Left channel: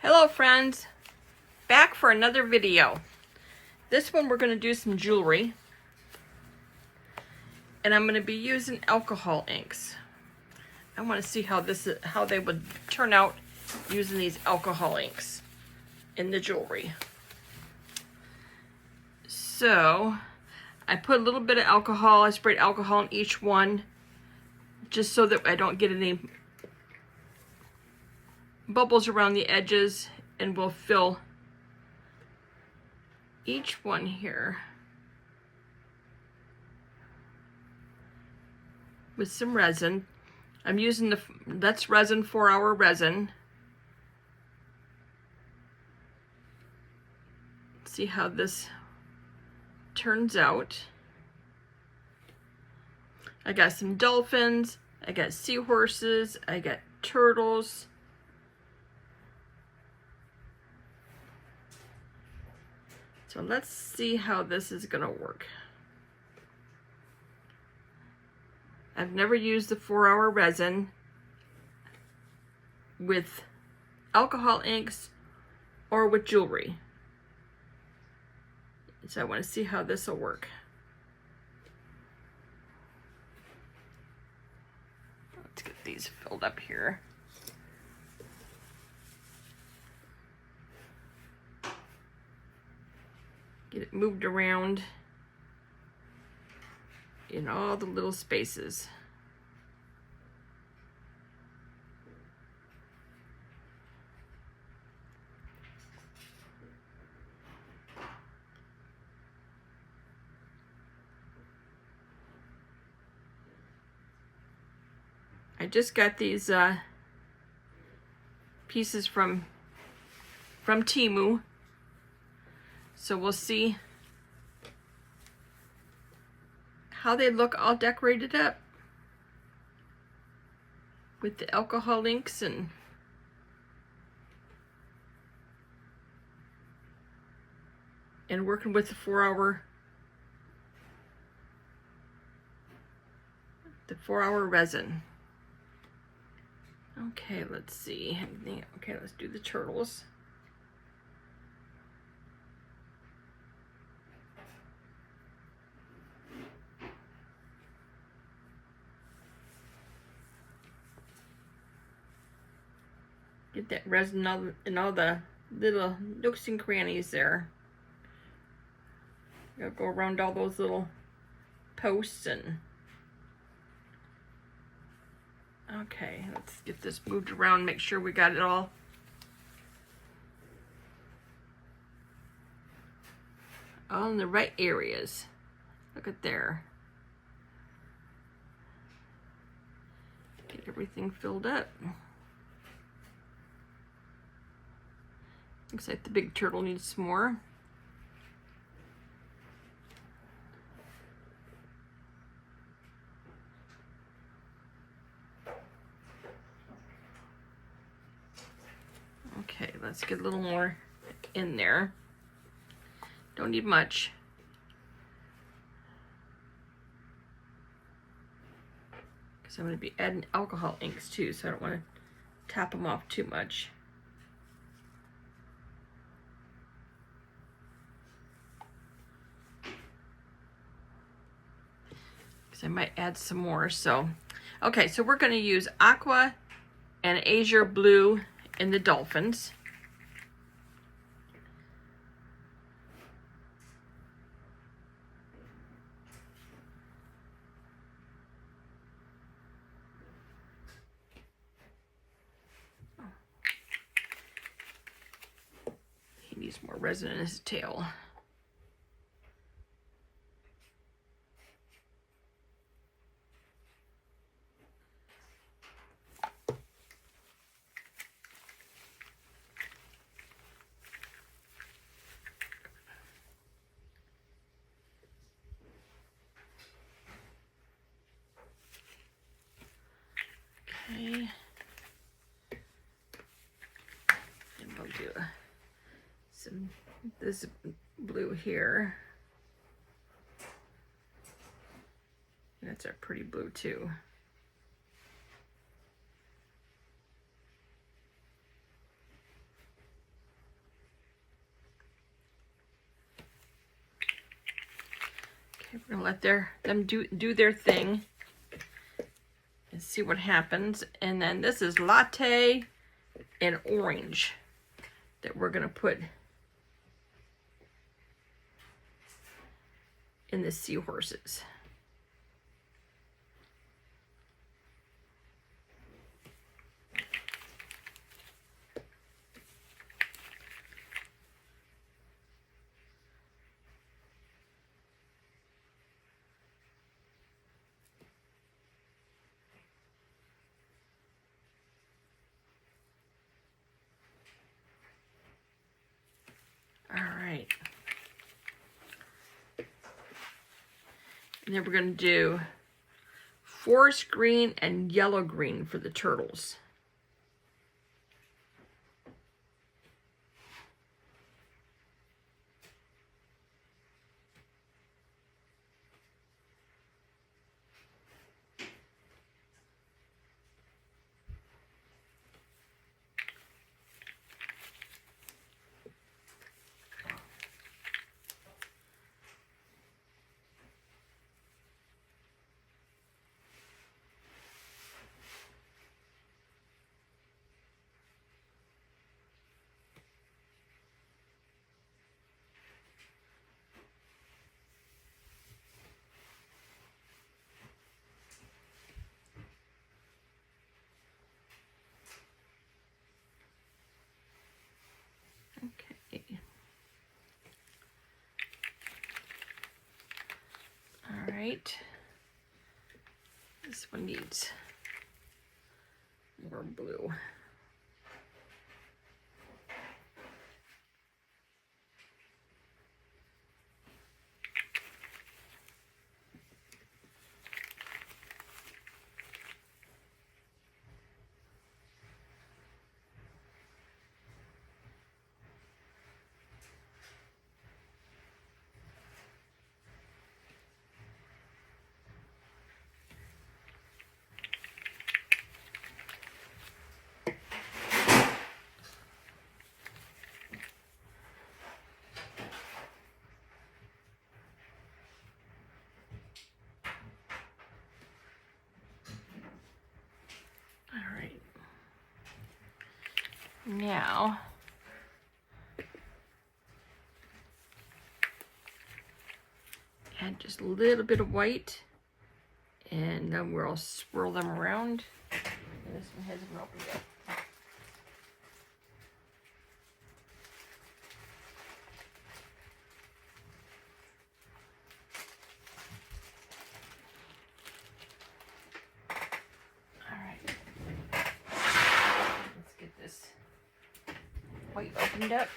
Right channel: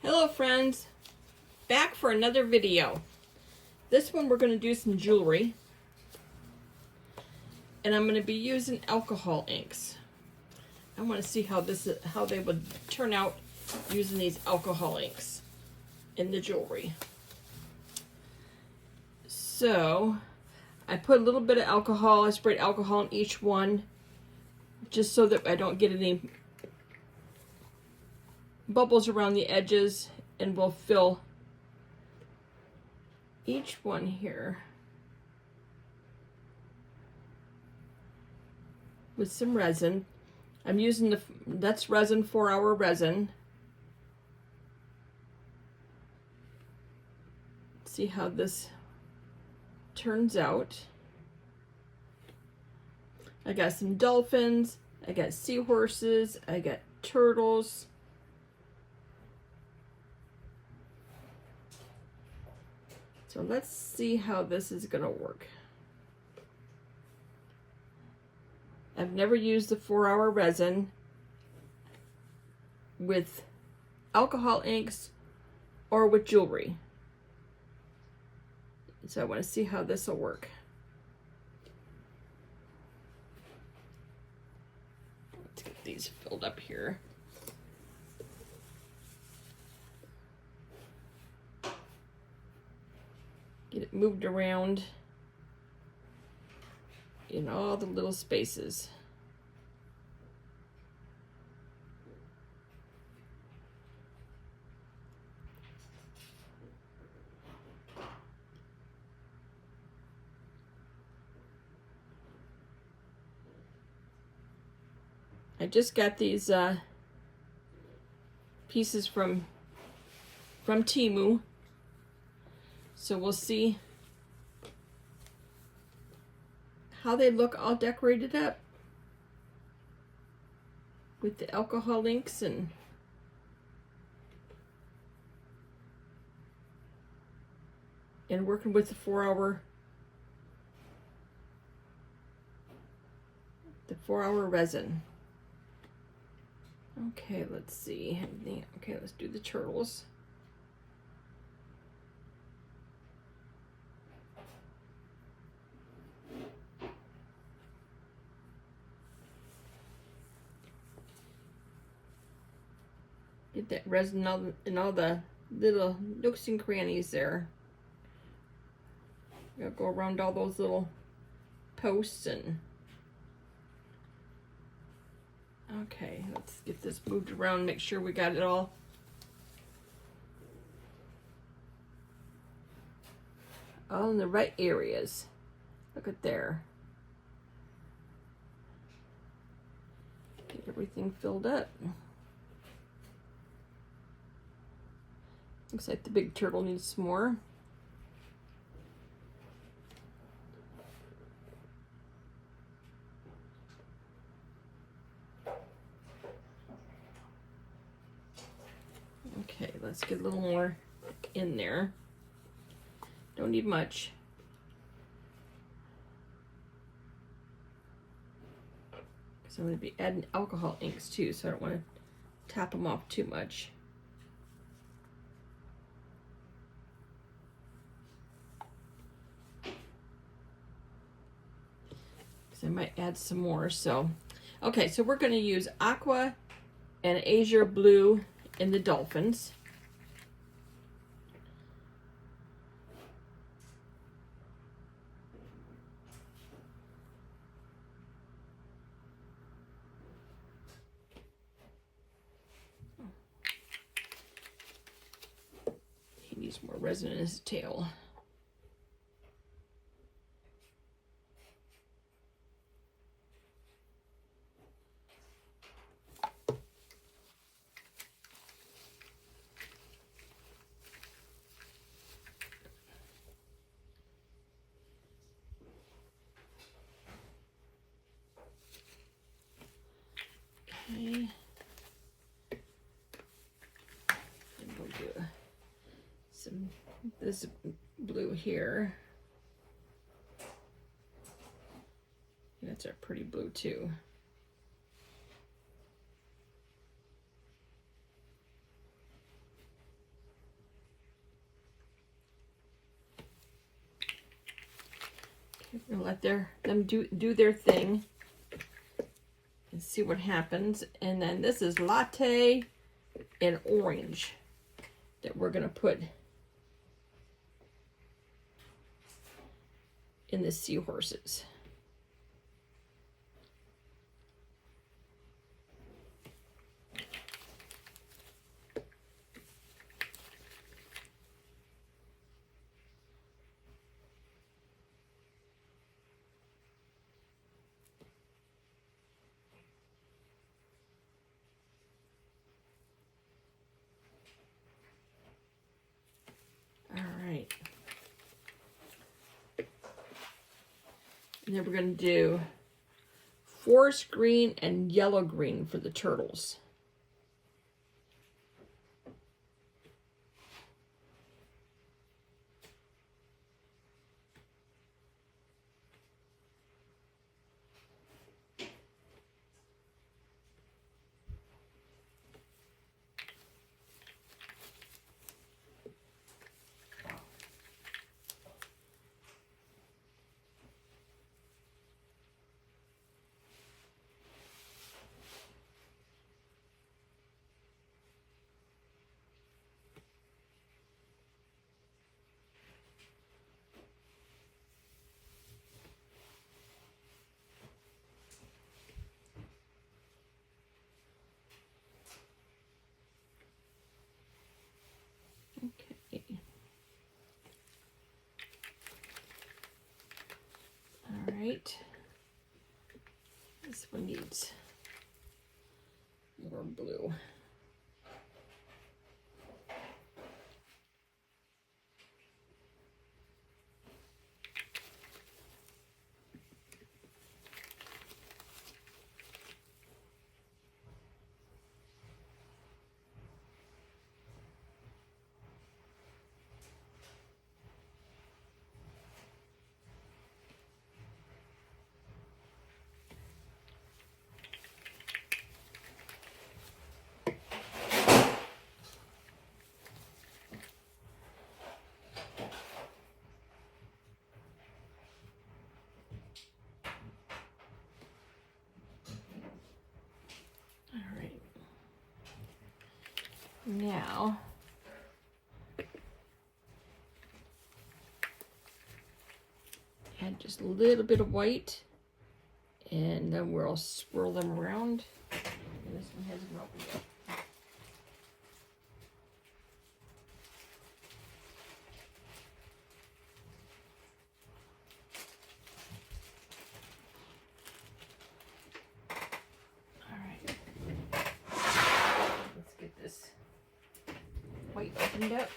Hello friends, back for another video. This one we're going to do some jewelry, and I'm going to be using alcohol inks. I want to see how they would turn out using these alcohol inks in the jewelry. So I put a little bit of alcohol. I sprayed alcohol in each one just so that I don't get any bubbles around the edges, and we'll fill each one here with some resin. I'm using that's resin, 4-hour resin. See how this turns out. I got some dolphins, I got seahorses, I got turtles. So let's see how this is gonna work. I've never used the 4-hour resin with alcohol inks or with jewelry. So I want to see how this will work. Let's get these filled up here. Get it moved around in all the little spaces. I just got these pieces from Temu. So we'll see how they look all decorated up with the alcohol inks and working with the 4-hour resin. Okay, let's see. Okay, let's do the turtles. Get that resin in all the little nooks and crannies there. Gotta go around all those little posts and... Okay, let's get this moved around, make sure we got it all in the right areas. Look at there. Get everything filled up. Looks like the big turtle needs some more. Okay, let's get a little more in there. Don't need much. Because I'm going to be adding alcohol inks too, so I don't want to tap them off too much. I might add some more. So okay, so we're going to use aqua and azure blue in the dolphins. He needs more resin in his tail. Okay. And we'll do this blue here. That's a pretty blue too. Okay, we're gonna let them do their thing and see what happens. And then this is latte and orange that we're gonna put in the seahorses. All right. And then we're going to do forest green and yellow green for the turtles. Okay. All right. This one needs more blue. All right. Now, add just a little bit of white, and then we'll swirl them around. And this one hasn't opened yet. White opened up.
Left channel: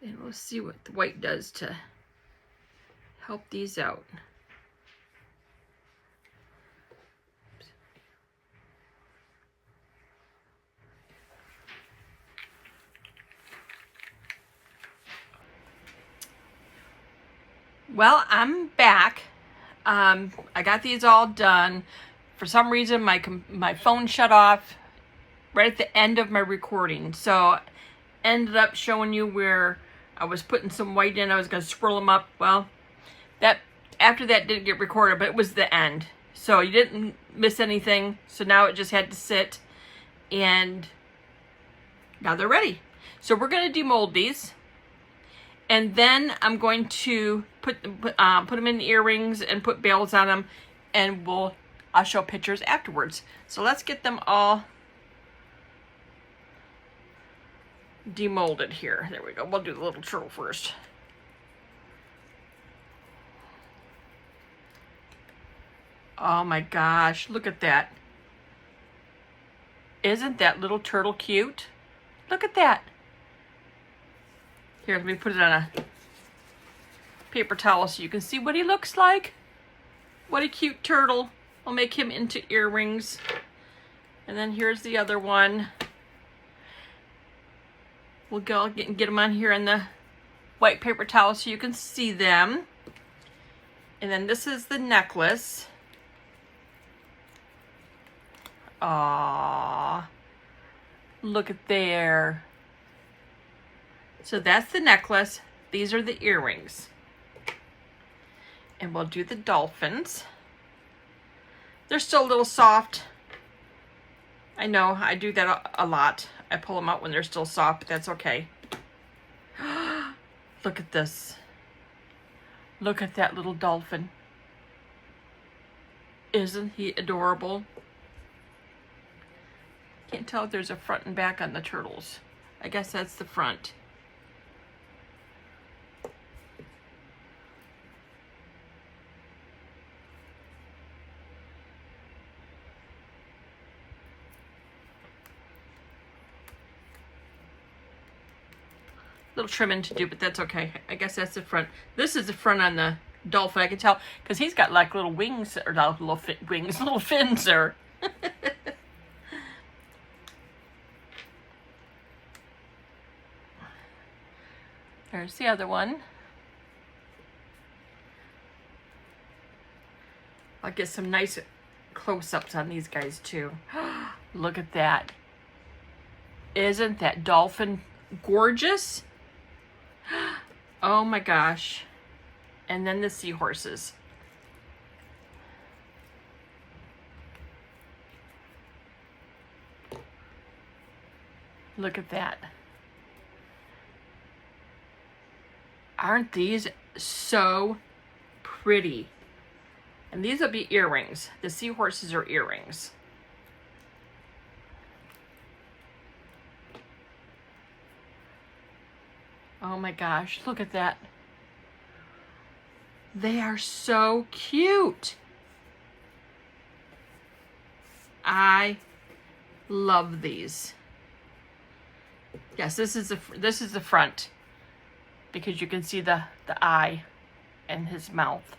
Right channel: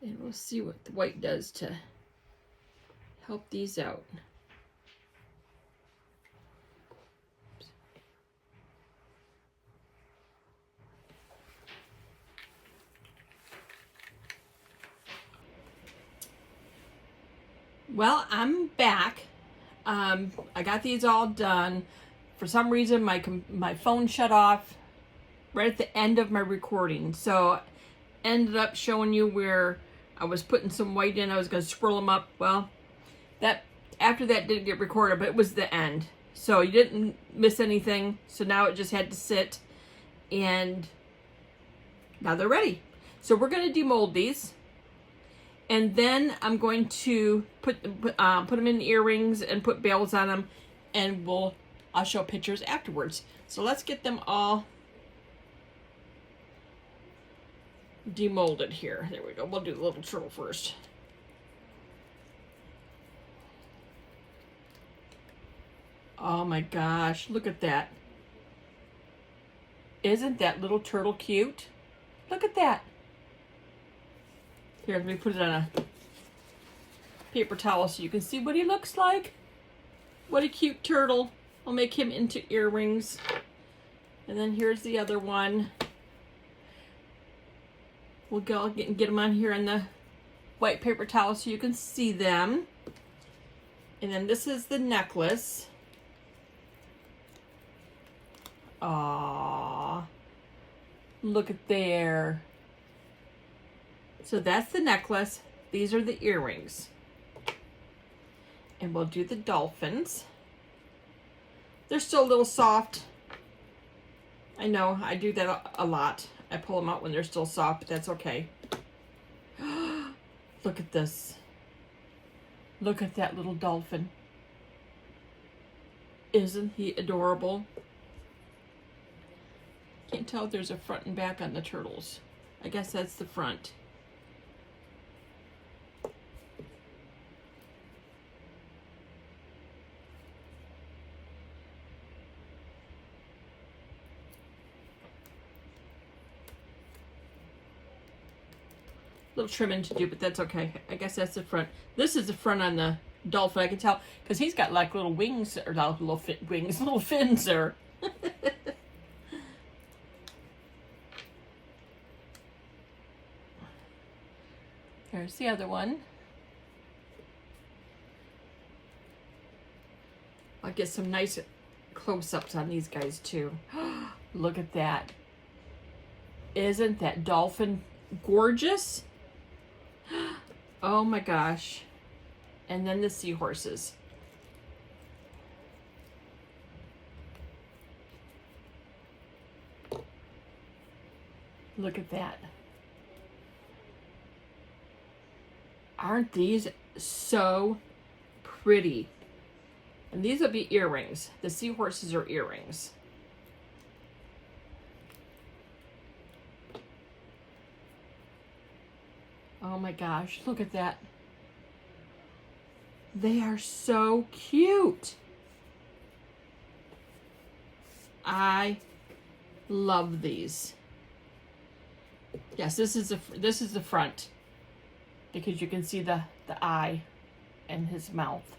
And we'll see what the white does to help these out. Well, I'm back. I got these all done. For some reason, my phone shut off right at the end of my recording. So ended up showing you where I was putting some white in. I was going to swirl them up. Well, that after that didn't get recorded, but it was the end. So you didn't miss anything. So now it just had to sit, and now they're ready. So we're going to demold these. And then I'm going to put them in the earrings and put bells on them, and I'll show pictures afterwards. So let's get them all demolded here. There we go. We'll do the little turtle first. Oh my gosh, look at that. Isn't that little turtle cute? Look at that. Here, let me put it on a paper towel so you can see what he looks like. What a cute turtle. I'll make him into earrings. And then here's the other one. We'll go get them on here in the white paper towel so you can see them. And then this is the necklace. Aww. Look at there. So that's the necklace. These are the earrings. And we'll do the dolphins. They're still a little soft. I know, I do that a lot. I pull them out when they're still soft, but that's okay. Look at this. Look at that little dolphin. Isn't he adorable? Can't tell if there's a front and back on the turtles. I guess that's the front. Little trimming to do, but that's okay. I guess that's the front. This is the front on the dolphin. I can tell because he's got like little wings, or not little wings, little fins there. There's the other one. I'll get some nice close-ups on these guys too. Look at that. Isn't that dolphin gorgeous? Oh my gosh. And then the seahorses. Look at that. Aren't these so pretty? And these will be earrings. The seahorses are earrings. Oh my gosh, look at that. They are so cute. I love these. Yes, this is the front, because you can see the eye and his mouth.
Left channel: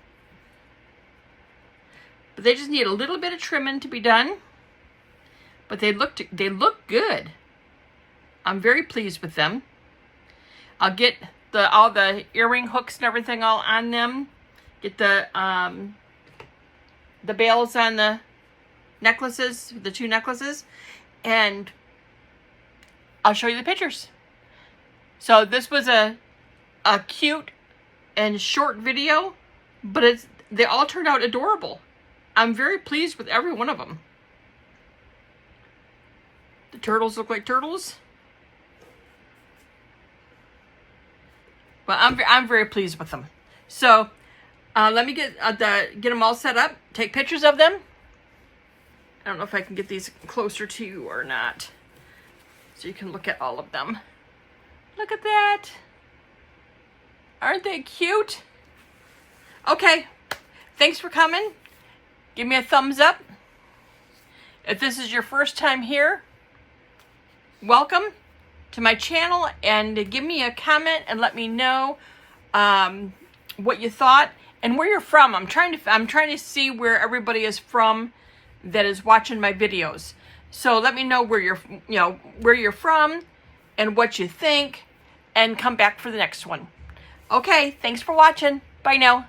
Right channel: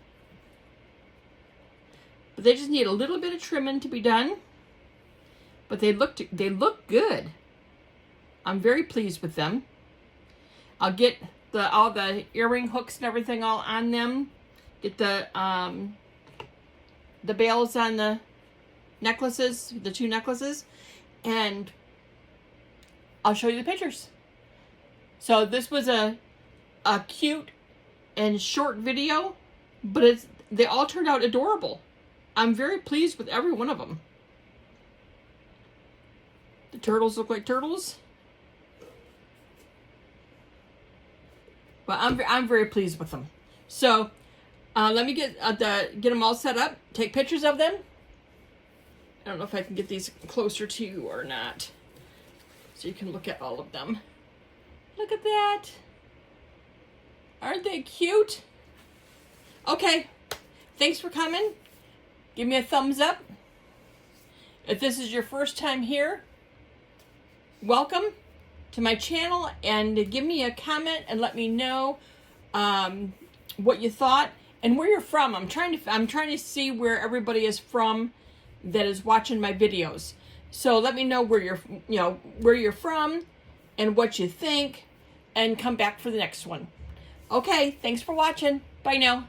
But they just need a little bit of trimming to be done. But they look good. I'm very pleased with them. I'll get all the earring hooks and everything all on them. Get the bails on the necklaces, the two necklaces, and I'll show you the pictures. So this was a cute and short video, but they all turned out adorable. I'm very pleased with every one of them. The turtles look like turtles. Well, I'm very pleased with them. So let me get them all set up. Take pictures of them. I don't know if I can get these closer to you or not, so you can look at all of them. Look at that. Aren't they cute? Okay. Thanks for coming. Give me a thumbs up. If this is your first time here, welcome to my channel, and give me a comment and let me know what you thought and where you're from. I'm trying to see where everybody is from that is watching my videos. So let me know where you're from and what you think, and come back for the next one. Okay, thanks for watching. Bye now.